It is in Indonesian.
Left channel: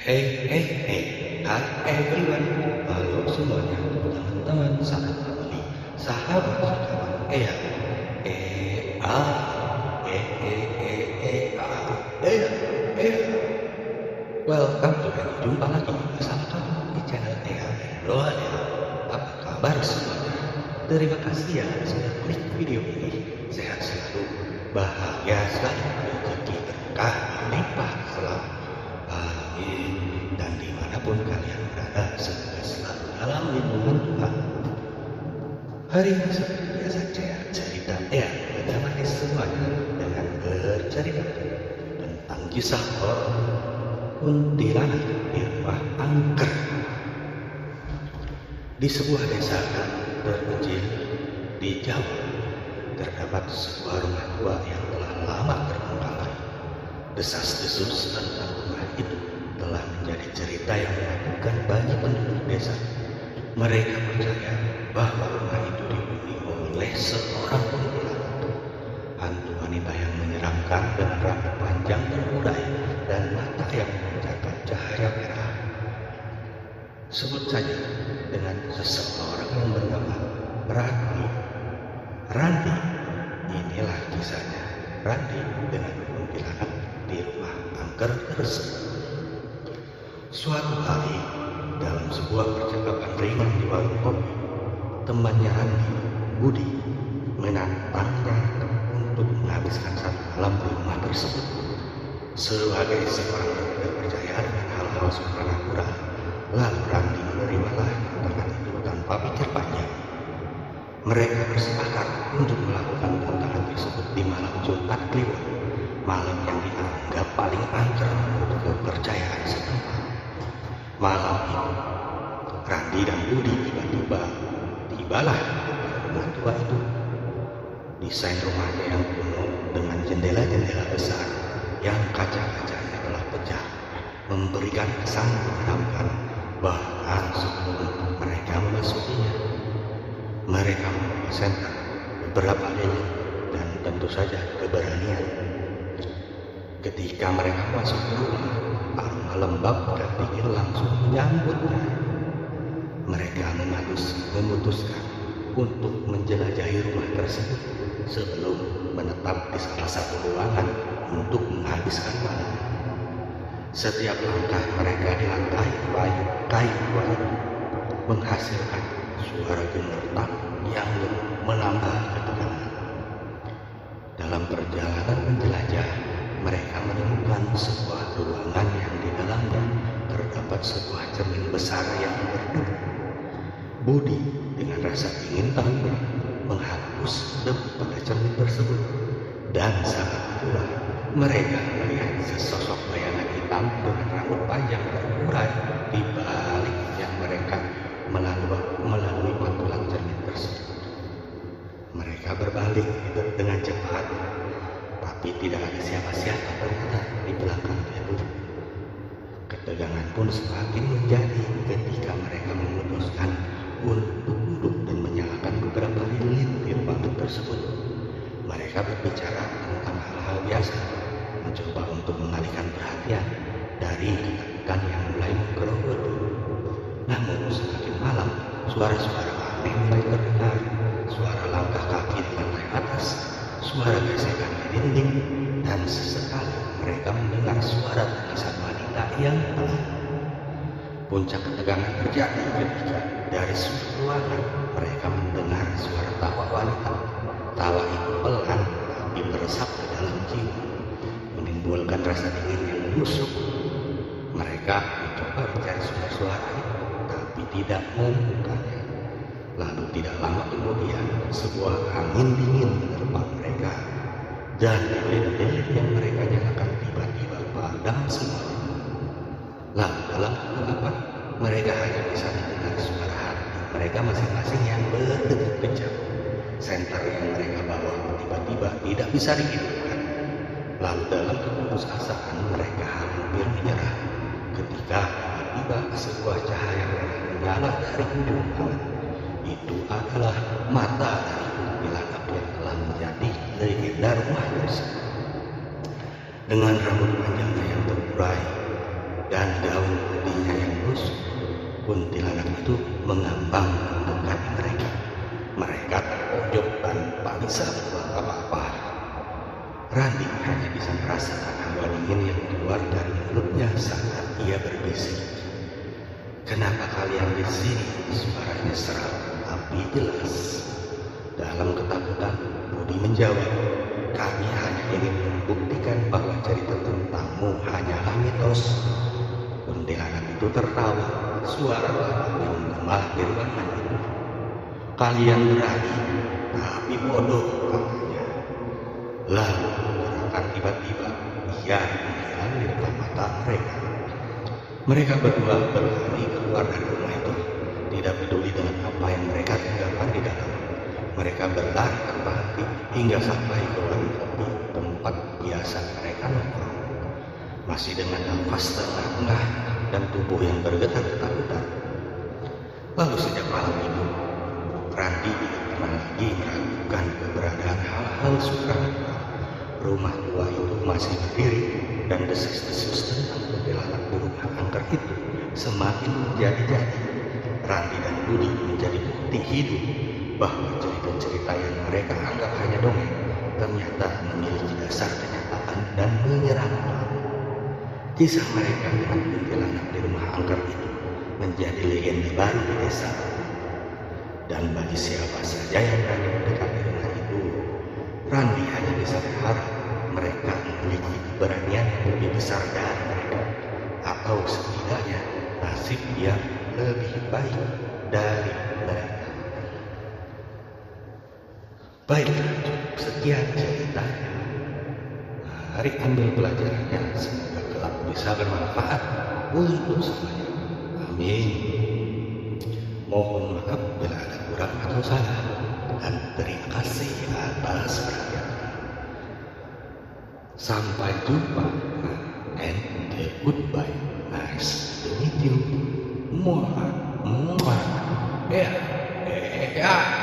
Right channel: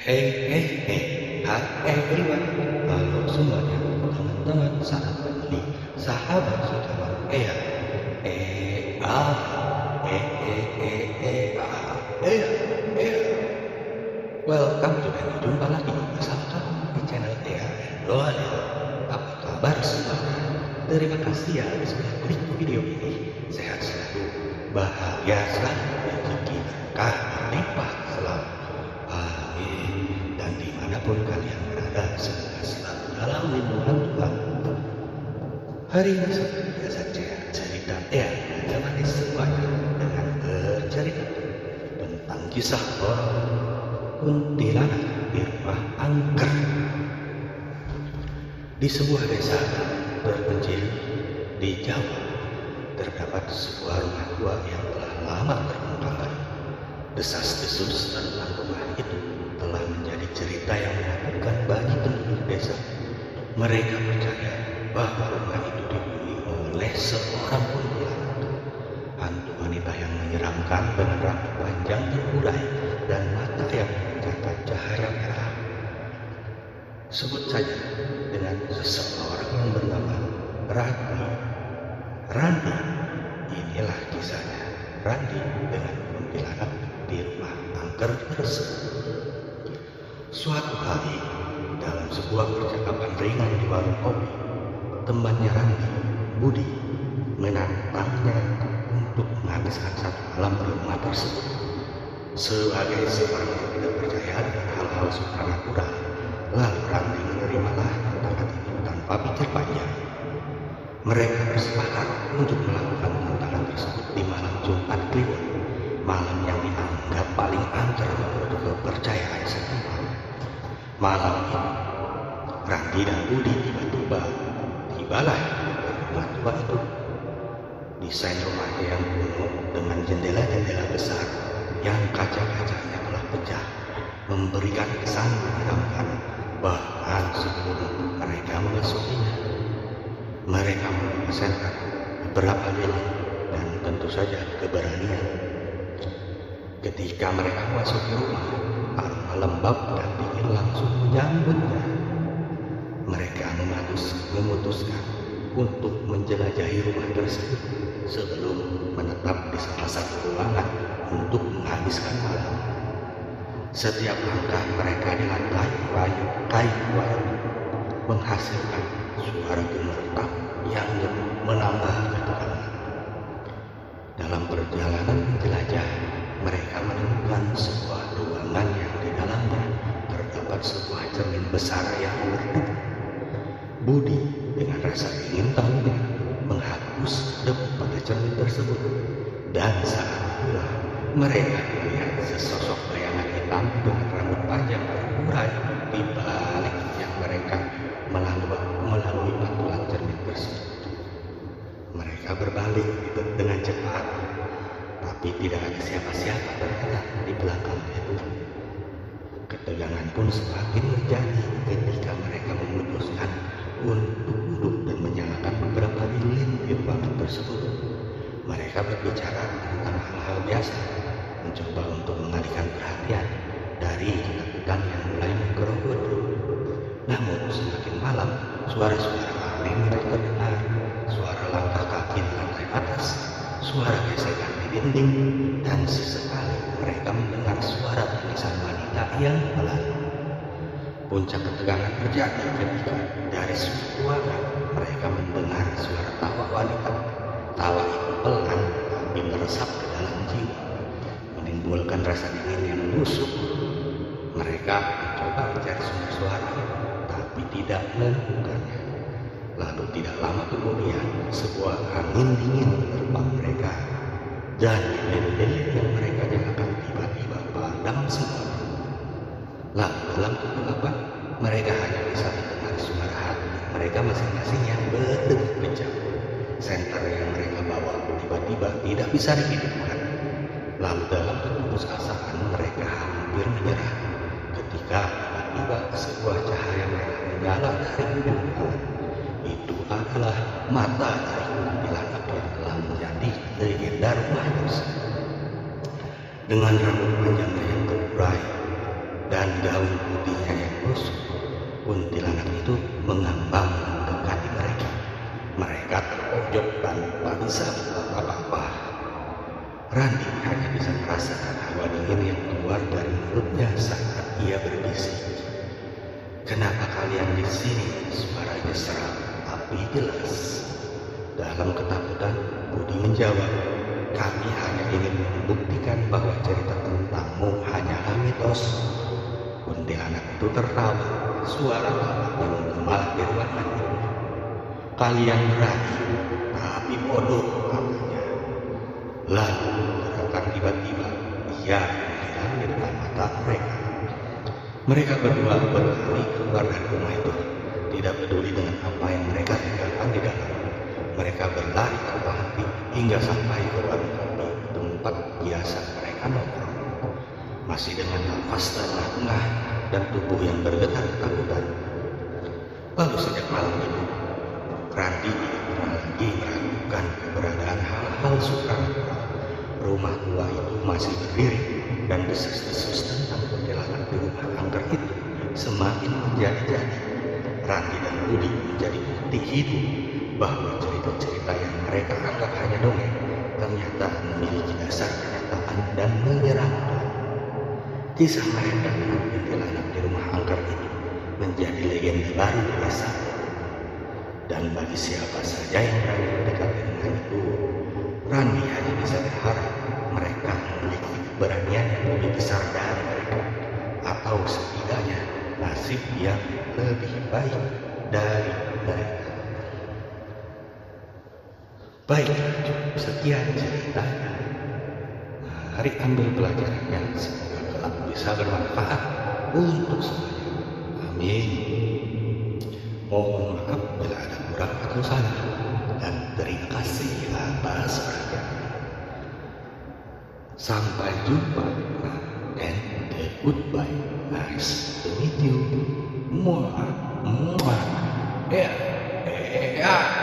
Hi everyone. Halo semuanya, teman-teman, sahabat family, sahabat sekawan Ea. Ea, e e e e a, Ea, Ea. Welcome to and jumpa lagi bersama kamu di channel Ea Doa. Apa kabar semuanya? Terima kasih ya sudah klik video ini. Sehat selalu, bahagia selalu, rezeki berkah berlimpah selalu. Amin. Dan dimanapun kalian berada, semoga selalu dalam lindungan Tuhan. Hari ini seperti biasa cerita menemani semuanya dengan bercerita tentang kisah horor kuntilanak di rumah angker. Di sebuah desa terpencil di Jawa, terdapat sebuah rumah tua yang telah lama terbengkalai. Desas-desus tentang rumah itu telah menjadi cerita yang menakutkan bagi penduduk desa. Mereka percaya bahwa rumah itu dihuni oleh seorang kuntilanak, hantu wanita yang menyeramkan dengan rambut panjang terurai dan mata yang memancarkan cahaya merah. Sebut saja dengan seseorang yang bernama Ranti. Ranti, inilah kisahnya Ranti dengan kuntilanak di rumah angker tersebut. Suatu hari, dalam sebuah percakapan ringan di warung kopi, temannya Ranti, Budi, menantangnya untuk menghabiskan satu malam di rumah tersebut. Sebagai seorang yang tidak percaya dengan hal-hal supranatural, lalu Ranti menerimalah tantangan itu tanpa pikir panjang. Mereka bersepakat untuk melakukan tantangan tersebut di malam Jumat Kliwon, malam yang dianggap paling angker menurut kepercayaan setempat. Malam itu, Randi dan Budi tibalah di depan rumah tua itu. Desain rumahnya yang kuno dengan jendela-jendela besar yang kaca-kacanya telah pecah memberikan kesan menyeramkan bahkan sebelum mereka memasukinya. Mereka membawa senter, beberapa lilin, dan tentu saja keberanian. Ketika mereka masuk ke rumah, aroma lembab dan dingin langsung menyambutnya. Mereka memutuskan untuk menjelajahi rumah tersebut sebelum menetap di salah satu ruangan untuk menghabiskan malam. Setiap langkah mereka di lantai kayu tua itu menghasilkan suara gemerlap yang menambah ketegangan. Dalam perjalanan menjelajah, mereka menemukan sebuah ruangan yang di dalamnya terdapat sebuah cermin besar yang berdebu. Budi dengan rasa ingin tahunya menghapus debu pada cermin tersebut, dan saat itulah mereka melihat sesosok bayangan hitam dengan rambut panjang terurai di balik yang mereka melalui pantulan cermin tersebut. Mereka berbalik dengan cepat, tapi tidak ada siapa-siapa ternyata di belakang itu. Ketegangan pun semakin menjadi ketika mereka memutuskan untuk duduk dan menyalakan beberapa lilin di ruangan tersebut. Mereka berbicara tentang hal-hal biasa, mencoba untuk mengalihkan perhatian dari ketakutan yang mulai menggerogoti. Namun semakin malam, suara-suara aneh mulai terdengar. Suara langkah kaki di lantai atas, suara gesekan di dinding, dan sesekali mereka mendengar suara tangisan wanita yang pelan. Puncak ketegangan terjadi ketika dari sudut ruangan mereka mendengar suara tawa wanita. Tawa itu pelan tapi meresap ke dalam jiwa, menimbulkan rasa dingin yang menusuk. Mereka mencoba mencari sumber suara itu, tapi tidak menemukannya. Lalu tidak lama kemudian, sebuah angin dingin menerpa mereka, dan lilin-lilin yang mereka nyalakan tiba-tiba padam semuanya. Lalu dalam kegelapan, mereka hanya bisa mendengar suara hati mereka masing-masing yang berdegup kencang. Senter yang mereka bawa tiba-tiba tidak bisa dihidupkan. Lalu dalam keputusasaan mereka hampir menyerah ketika tiba-tiba sebuah cahaya merah menyala dari ujung ruangan. Itu adalah mata dari kuntilanak yang telah menjadi legenda rumah tersebut. Dengan rambut panjangnya yang terurai dan gaun putihnya yang lusuh. Kuntilanak itu mengambang mendekati mereka. Mereka terpojok tanpa bisa berbuat apa-apa. Randi hanya bisa merasakan hawa dingin yang keluar dari mulutnya saat ia berbisik. "Kenapa kalian di sini?" Suaranya serak tapi jelas. Dalam ketakutan, Budi menjawab, "Kami hanya ingin membuktikan bahwa cerita tentangmu hanyalah mitos." Kuntilanak itu tertawa. Suara lawaknya menggema di ruangan itu. "Kalian berani, tapi bodoh," katanya. Lalu gerakan tiba-tiba ia menghilang di depan mata mereka. Mereka berdua berlari keluar dari rumah itu, tidak peduli dengan apa yang mereka tinggalkan di dalam. Mereka berlari tanpa henti hingga sampai ke warung kopi, tempat biasa mereka nongkrong. Masih dengan nafas terengah-engah dan tubuh yang bergetar ketakutan. Lalu sejak malam itu, Randi tidak pernah lagi meragukan keberadaan hal-hal supranatural. Rumah tua itu masih berdiri, dan desas-desus tentang kuntilanak di rumah angker itu semakin menjadi-jadi. Randi dan Budi menjadi bukti hidup bahwa cerita-cerita yang mereka anggap hanya dongeng ternyata memiliki dasar kenyataan dan menyeramkan. Kisah mereka dengan kuntilanak di rumah angker itu menjadi legenda baru di desa. Dan bagi siapa saja yang berani mendekati rumah itu, Randi hanya bisa berharap mereka memiliki keberanian yang lebih besar dari mereka, atau setidaknya nasib yang lebih baik dari mereka. Baiklah, cukup sekian ceritanya. Mari ambil pelajarannya, semoga kelak bisa bermanfaat untuk semuanya. Amin. Mohon maaf bila ada kurang atau salah, dan terima kasih atas perhatiannya. Sampai jumpa, and goodbye. Nice to meet you. Muah, muah. Ya, ya.